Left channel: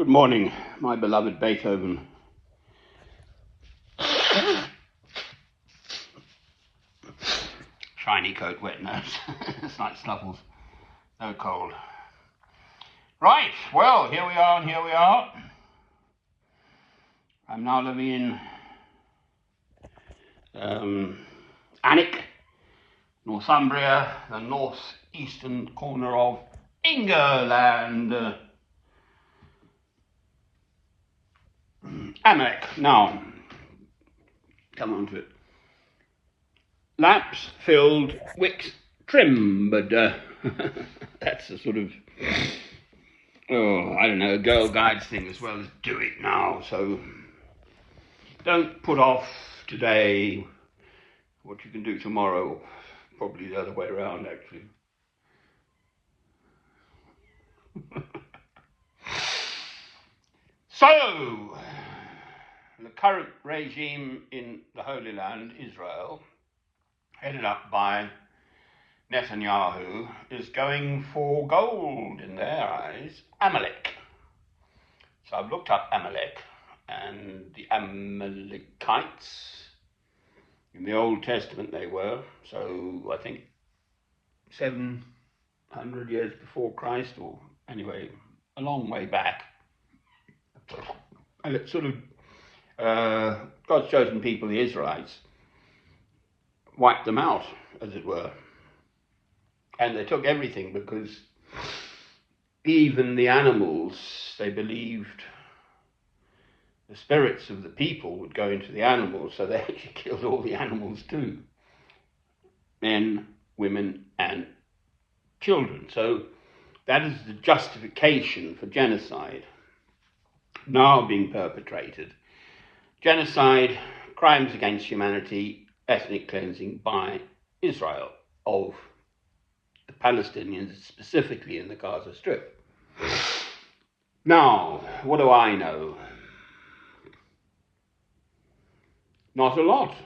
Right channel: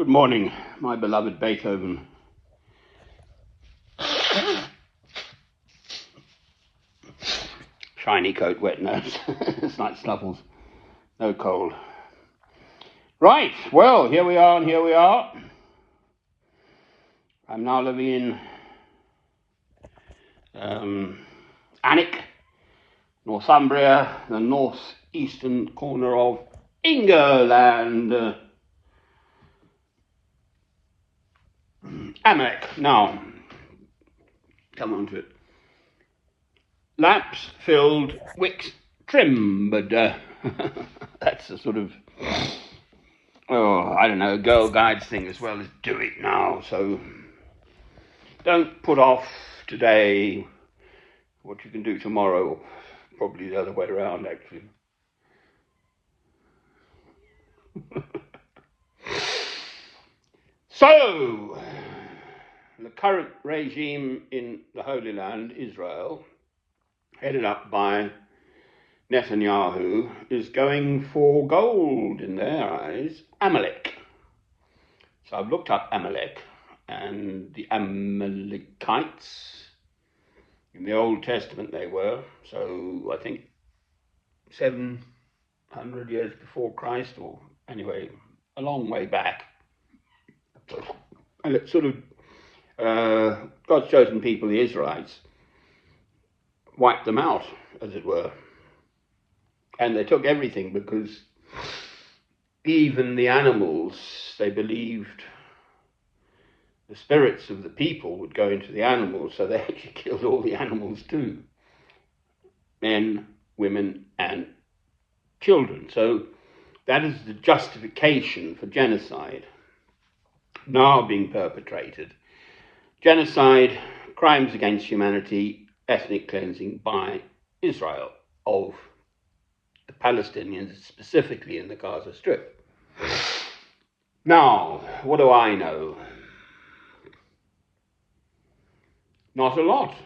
Good morning, my beloved Beethoven. Shiny coat, wet nose. Slight snuffles. No cold. Right, well, here we are and here we are. I'm now living in Alnwick, Northumbria, the northeastern corner of England. Alnwick. Now, come on to it. Lamps filled, wicks trimmed. That's a sort of, I don't know, Girl Guides thing as well as do it now. So don't put off today what you can do tomorrow. Probably the other way around, actually. So, the current regime in the Holy Land, Israel, headed up by Netanyahu, is going for gold in their eyes, Amalek. So I've looked up Amalek, and the Amalekites, in the Old Testament they were, so I think 700 years before Christ, or anyway, a long way back. And it's sort of God's chosen people, the Israelites, wiped them out, as it were. And they took everything because even the animals, they believed the spirits of the people would go into the animals, so they actually killed all the animals too. Men, women, and children. So that is the justification for genocide now being perpetrated. Genocide, crimes against humanity, ethnic cleansing by Israel of the Palestinians, specifically in the Gaza Strip. Now, what do I know? Not a lot.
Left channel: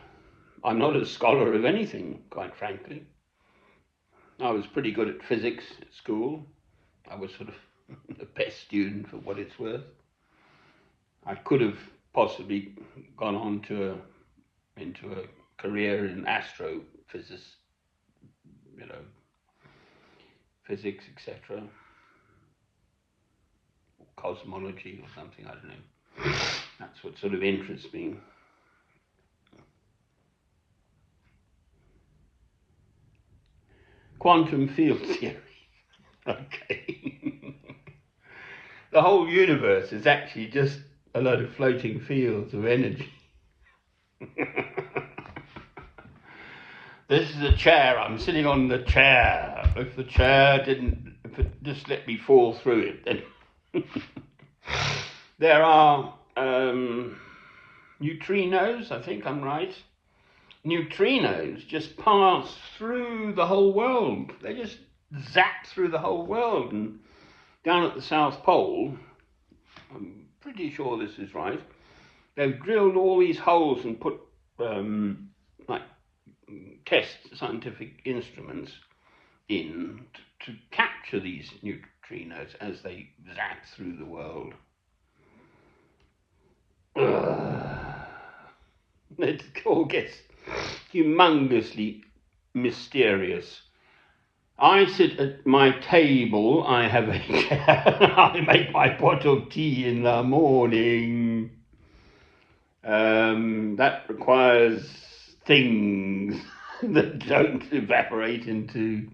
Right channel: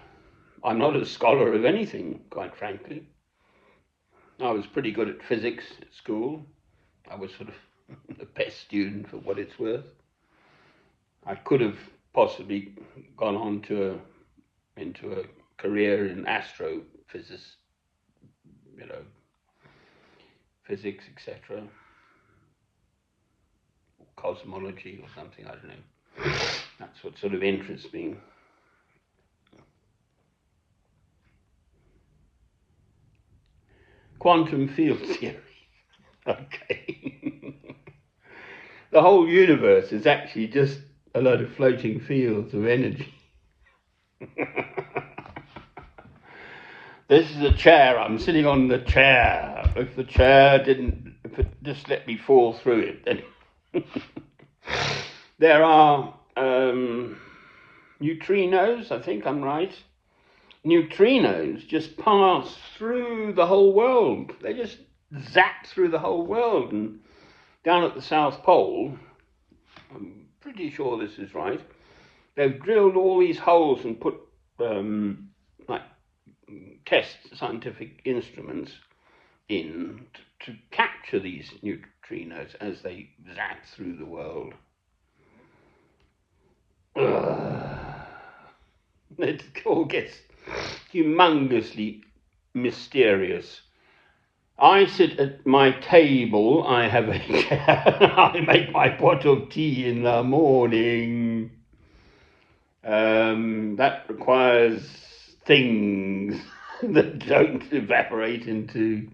I'm not a scholar of anything, quite frankly. I was pretty good at physics at school. I was sort of the best student for what it's worth. I could have possibly gone on into a career in astrophysics, physics, etc., or cosmology or something, I don't know. That's what sort of interests me. Quantum field theory. Okay. The whole universe is actually just a load of floating fields of energy. This is a chair. I'm sitting on the chair. If the chair didn't just let me fall through it, then there are neutrinos. I think I'm right. Neutrinos just pass through the whole world. They just zap through the whole world. And down at the South Pole, I'm pretty sure this is right, they've drilled all these holes and put scientific instruments in to capture these neutrinos as they zap through the world. It all gets humongously mysterious. I sit at my table, I have a chair, I make my pot of tea in the morning. That requires things that don't evaporate into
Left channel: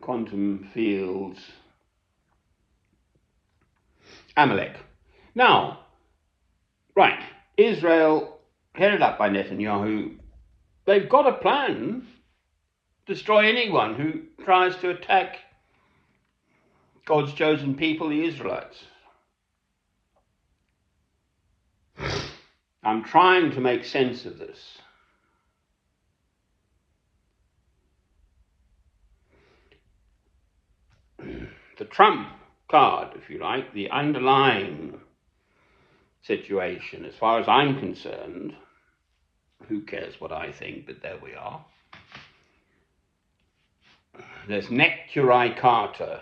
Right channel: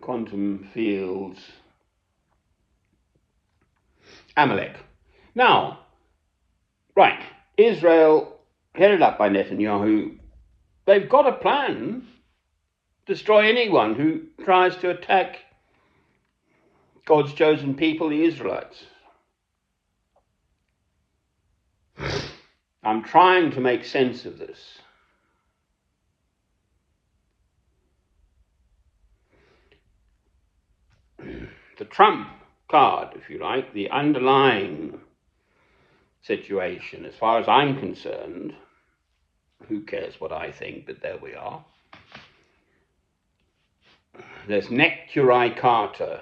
quantum fields. Amalek. Now, right, Israel, headed up by Netanyahu, they've got a plan to destroy anyone who tries to attack God's chosen people, the Israelites. I'm trying to make sense of this. The Trump card, if you like, the underlying situation, as far as I'm concerned, who cares what I think, but there we are. There's Neturei Carter,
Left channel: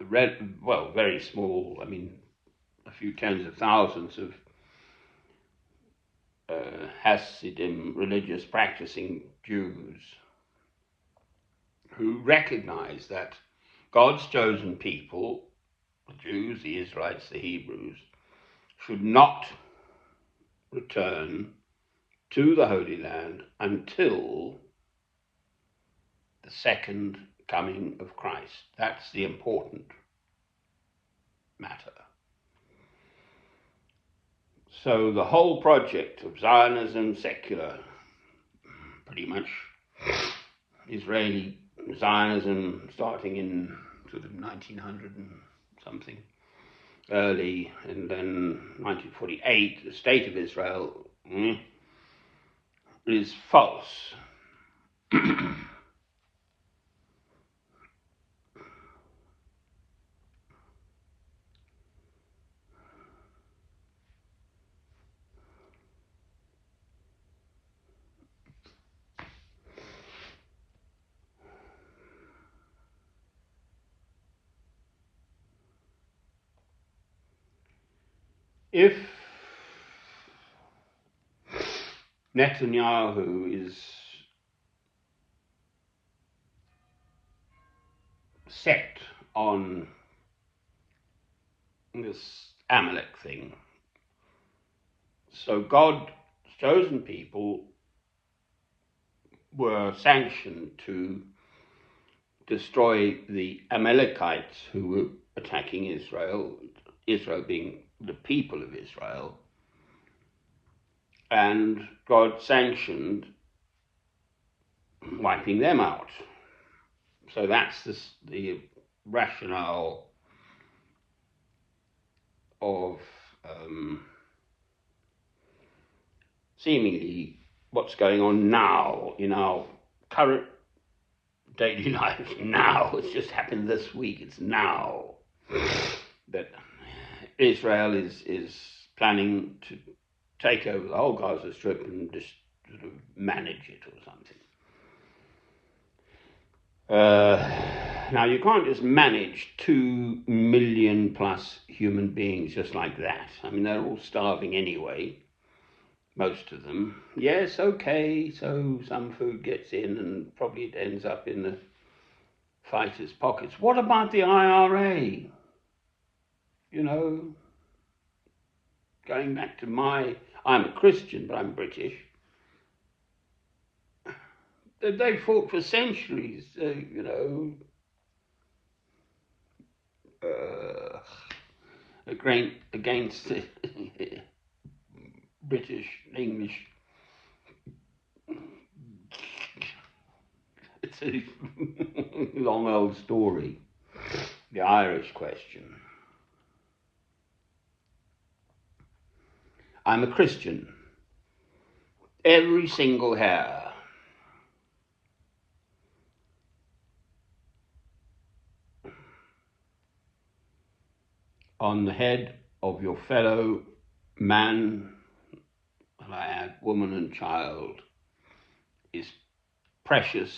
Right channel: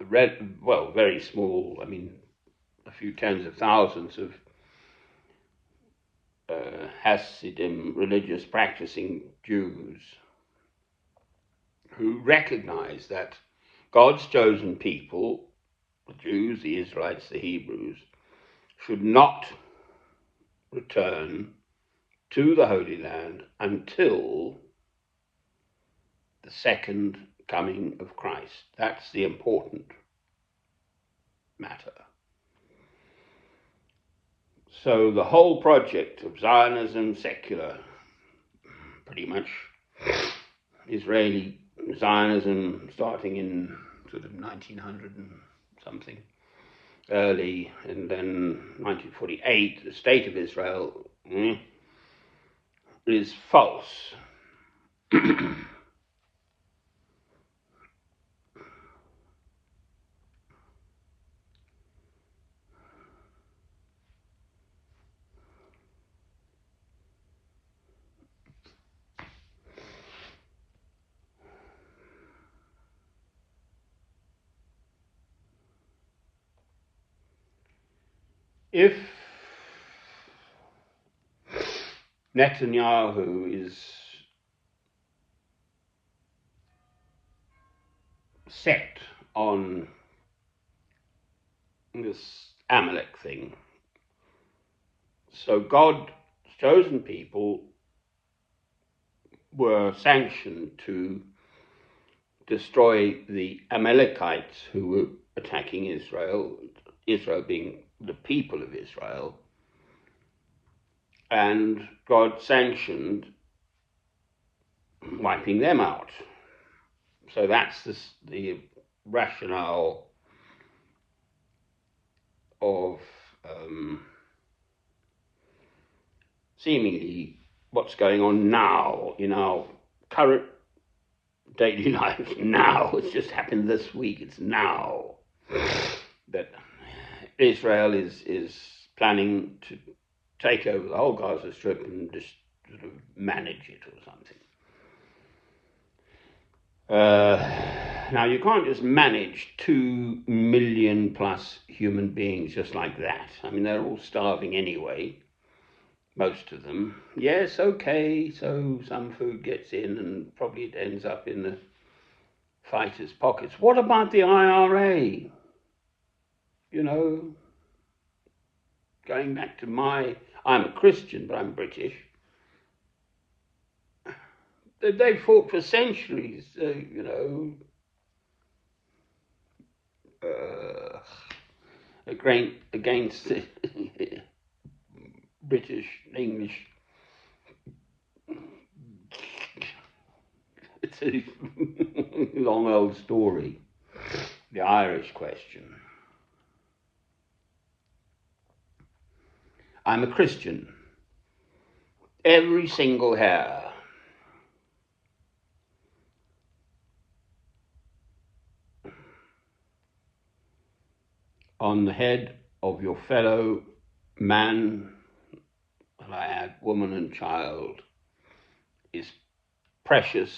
very small, I mean, a few tens of thousands of Hasidim, religious practicing Jews, who recognize that God's chosen people, the Jews, the Israelites, the Hebrews, should not return to the Holy Land until the second coming of Christ. That's the important matter. So the whole project of Zionism, secular, pretty much Israeli Zionism, starting in sort of 1900 and something, early, and then 1948, the State of Israel is false. If Netanyahu is set on this Amalek thing, so God's chosen people were sanctioned to destroy the Amalekites who were attacking Israel, Israel being the people of Israel, and God sanctioned wiping them out. So that's the rationale of seemingly what's going on now in our current daily life. Now, it's just happened this week. It's now that Israel is planning to take over the whole Gaza Strip and just sort of manage it or something. Now, you can't just manage 2 million plus human beings just like that. I mean, they're all starving anyway, most of them. Yes, okay, so some food gets in and probably it ends up in the fighters' pockets. What about the IRA? You know, going back to I'm a Christian, but I'm British. They fought for centuries, against the British, English. It's a long old story, the Irish question. I'm a Christian. Every single hair on the head of your fellow man, lad, woman and child is precious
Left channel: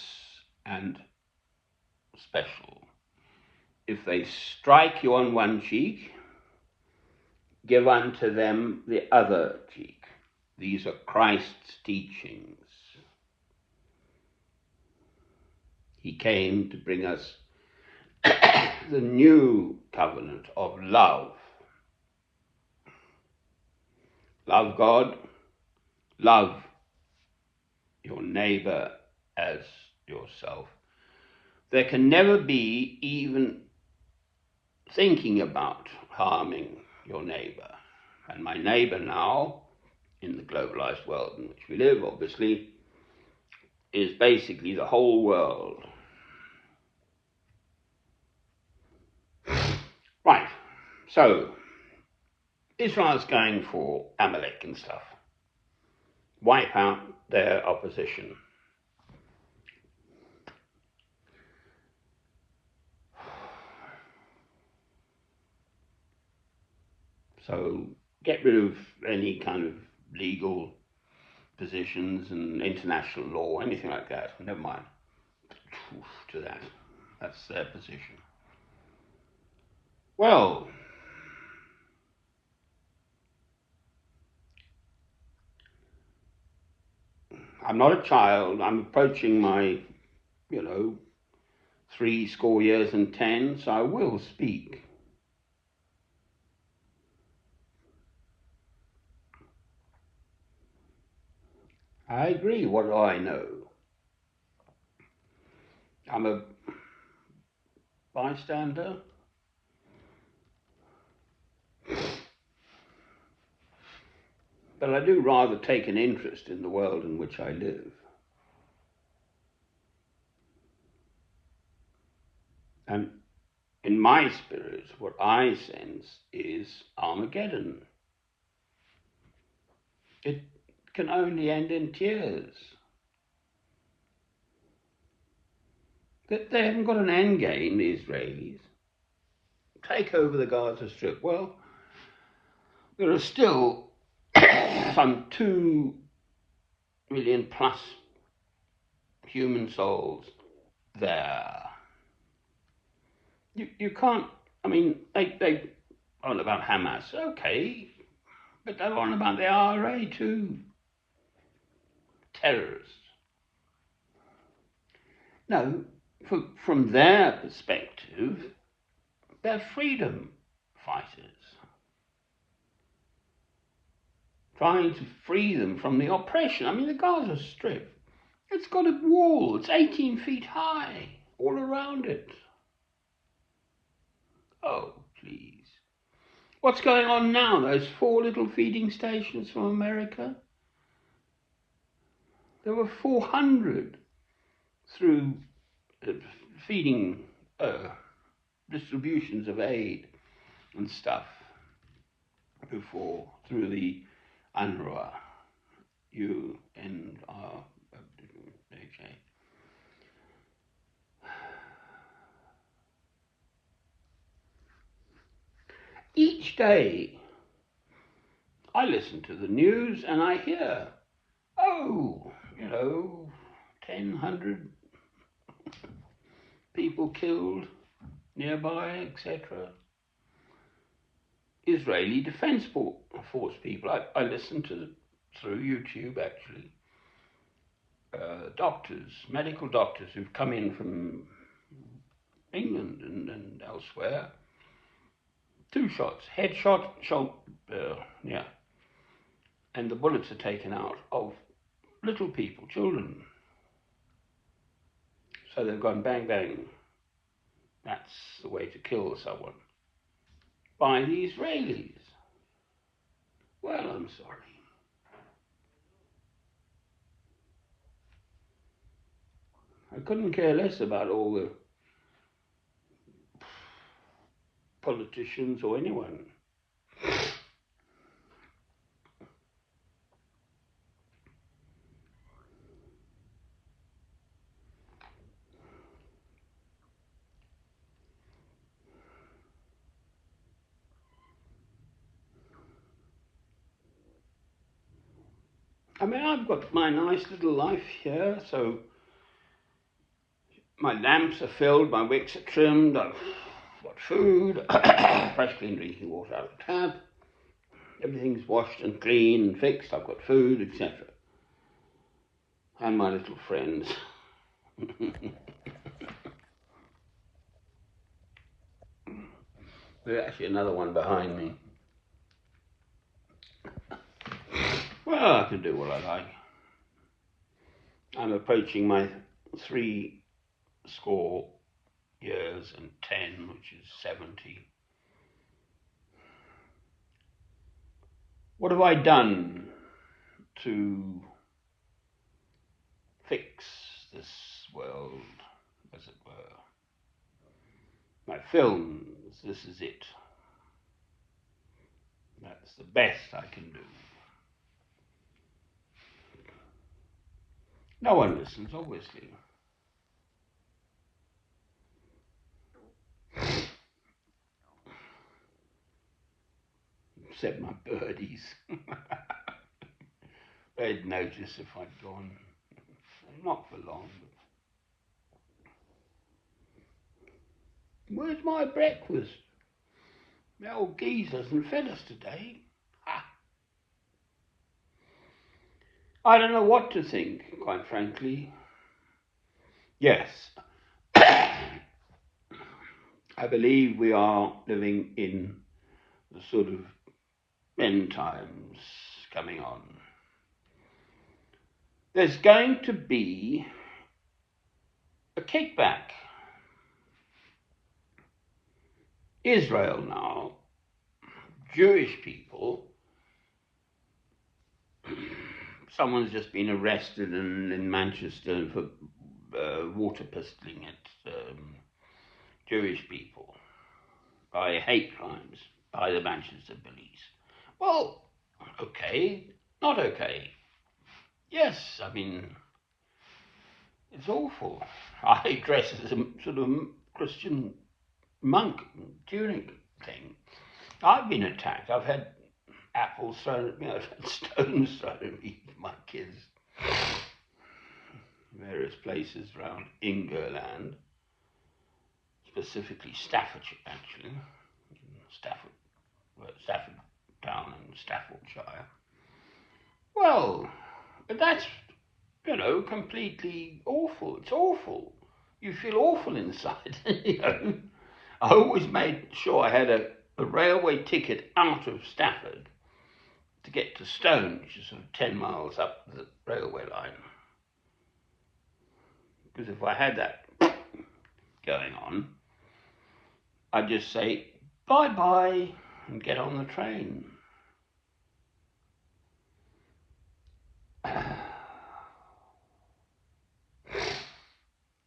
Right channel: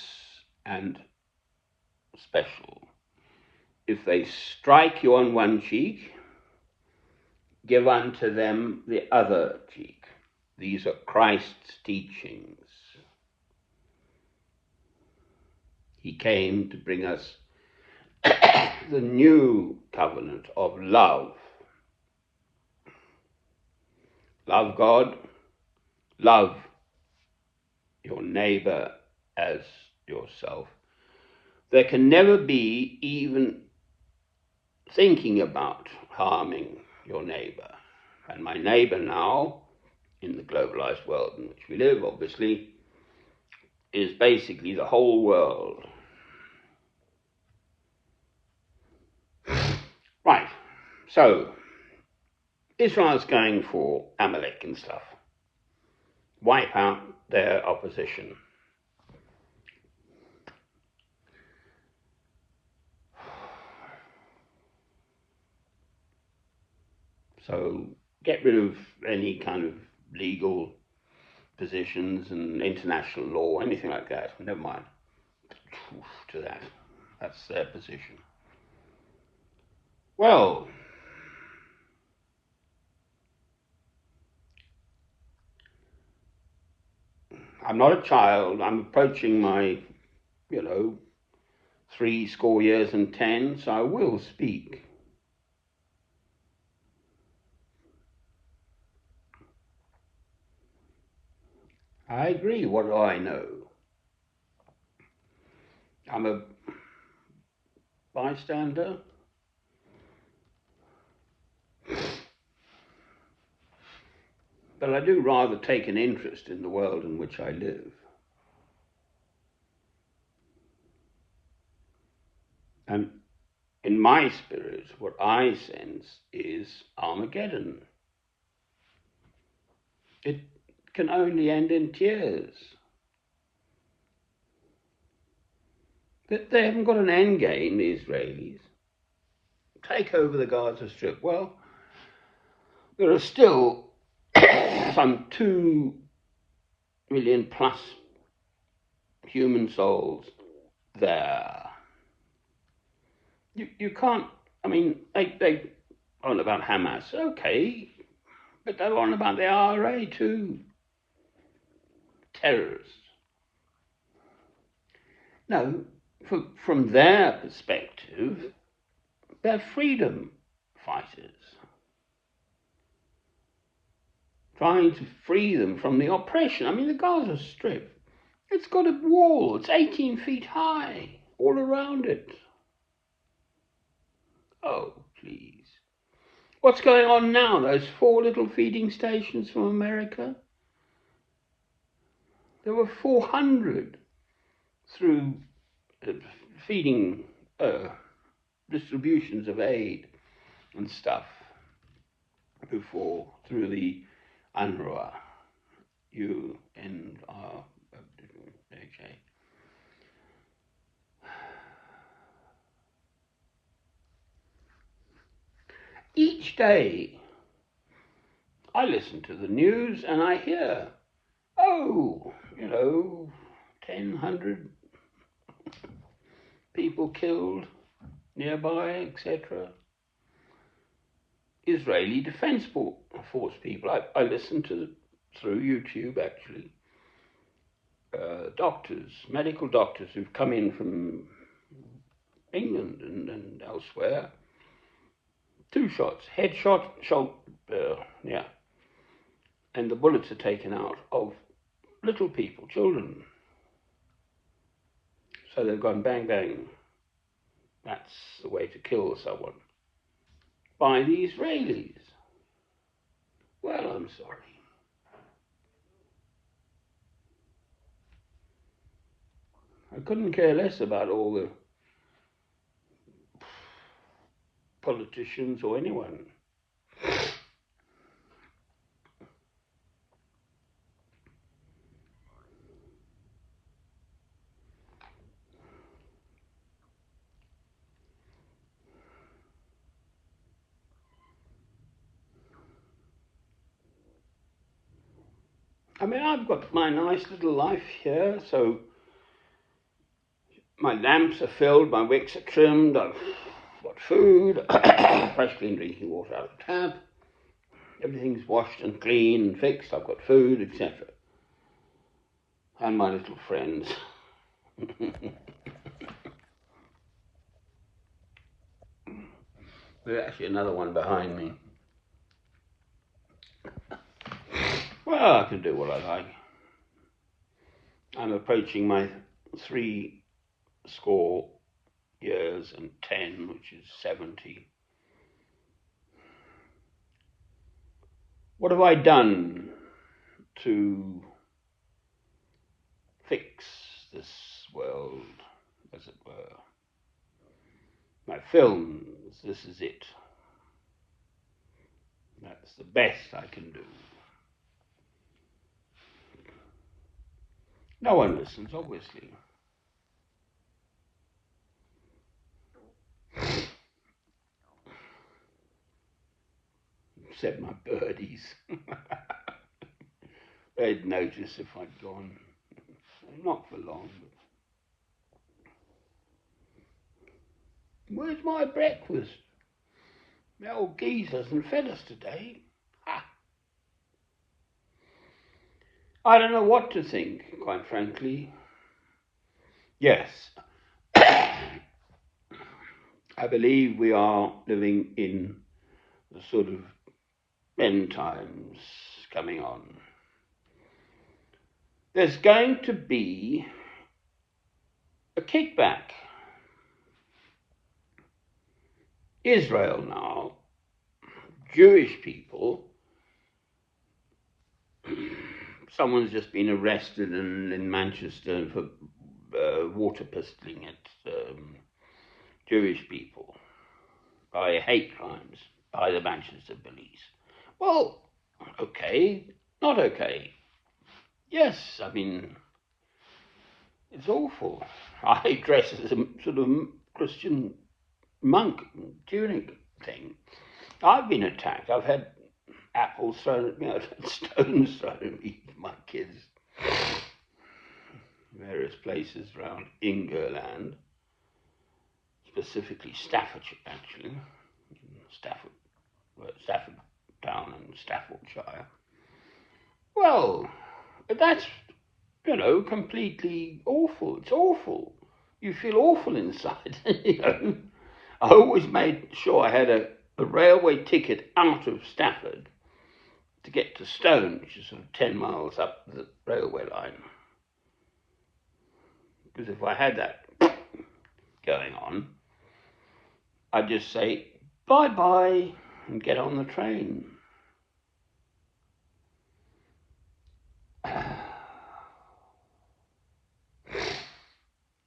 and special. If they strike you on one cheek, give unto them the other cheek. These are Christ's teachings. He came to bring us the new covenant of love. Love God, love your neighbor as yourself. There can never be even thinking about harming your neighbor. And my neighbor now, in the globalized world in which we live, obviously, is basically the whole world. Right, so Israel's going for Amalek and stuff. Wipe out their opposition. So get rid of any kind of legal positions and international law, anything like that. Never mind to that. That's their position. Well, I'm not a child. I'm approaching my, 70 and 10, so I will speak. I agree. What do I know? I'm a bystander. But I do rather take an interest in the world in which I live. And in my spirit, what I sense is Armageddon. It can only end in tears. They haven't got an end game, the Israelis. Take over the Gaza Strip. Well, there are still some 2 million plus human souls there. You can't, I mean, they on about Hamas, okay, but they're on about the IRA too. Terrorists. No, from their perspective, they're freedom fighters, trying to free them from the oppression. I mean, the Gaza Strip, it's got a wall, it's 18 feet high, all around it. Oh, please. What's going on now? Those 4 little feeding stations from America? There were 400 through feeding distributions of aid and stuff before through the UNRWA, okay. Each day I listen to the news and I hear, 100 people killed nearby, etc. Israeli Defense Force people. I listen to, through YouTube actually, doctors, medical doctors who've come in from England and elsewhere. 2 shots, headshot, and the bullets are taken out of little people, children. So they've gone bang, bang. That's the way to kill someone. By the Israelis. Well, I'm sorry. I couldn't care less about all the politicians or anyone. I mean, I've got my nice little life here, so my lamps are filled, my wicks are trimmed, I've got food, fresh and drinking water out of the tap, everything's washed and clean and fixed, I've got food, etc. And my little friends. There's actually another one behind me. Well, I can do what I like. I'm approaching my 70 years and 10, which is 70. What have I done to fix this world, as it were? My films, this is it. That's the best I can do. No one listens, obviously. Said my birdies. They'd notice if I'd gone. Not for long. Where's my breakfast? The old geezer hasn't fed us today. Ha. I don't know what to think, quite frankly. Yes, I believe we are living in the sort of end times coming on. There's going to be a kickback. Israel now, Jewish people, someone's just been arrested in Manchester for water pistoling at Jewish people by hate crimes by the Manchester police. Well, okay, not okay. Yes, I mean, it's awful. I dress as a sort of Christian monk during the thing. I've been attacked. I've had apples thrown at me. I've had stones thrown at me, my kids. Various places around England, specifically Staffordshire, actually. Stafford Town and Staffordshire. Well, that's, completely awful. It's awful. You feel awful inside. I always made sure I had a railway ticket out of Stafford to get to Stone, which is sort of 10 miles up the railway line. Because if I had that going on, I'd just say bye-bye and get on the train.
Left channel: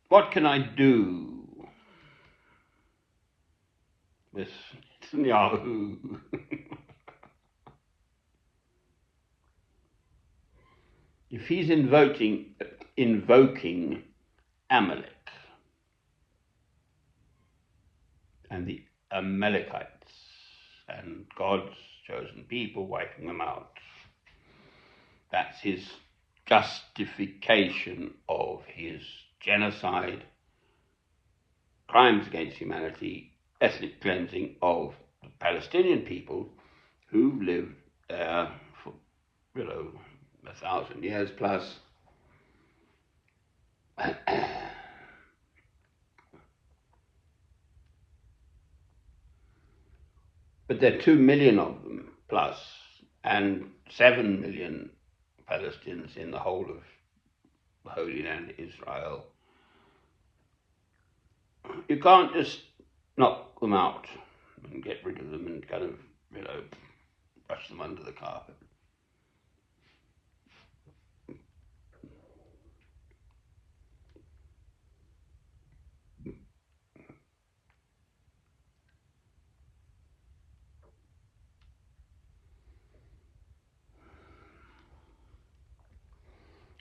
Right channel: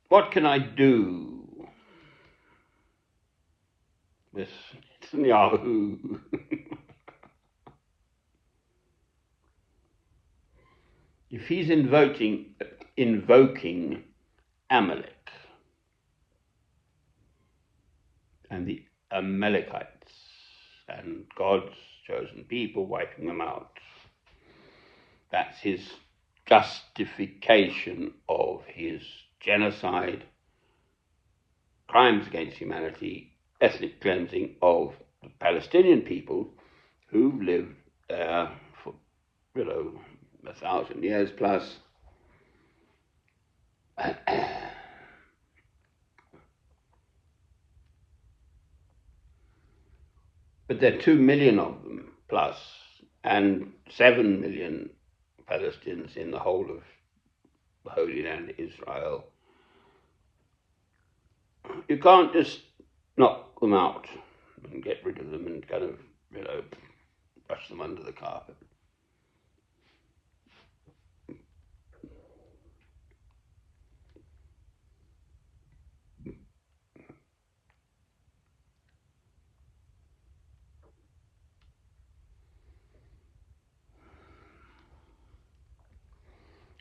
What can I do with Netanyahu? If he's invoking Amalek and the Amalekites and God's chosen people, wiping them out, that's his justification of his genocide, crimes against humanity, ethnic cleansing of the Palestinian people who live there for, 1,000 years plus. But there are 2 million of them plus, and 7 million Palestinians in the whole of the Holy Land, Israel. You can't just knock them out and get rid of them and kind of, brush them under the carpet.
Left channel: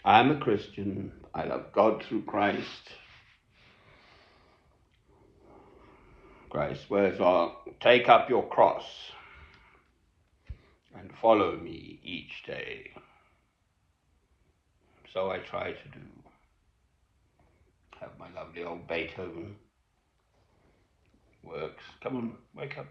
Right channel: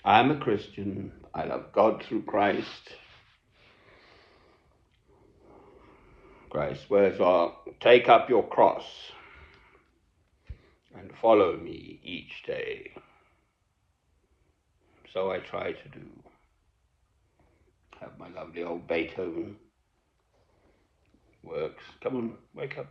I'm a Christian. I love God through Christ. Christ swears, take up your cross and follow me each day. So I try to do. Have my lovely old Beethoven works. Come on, wake up.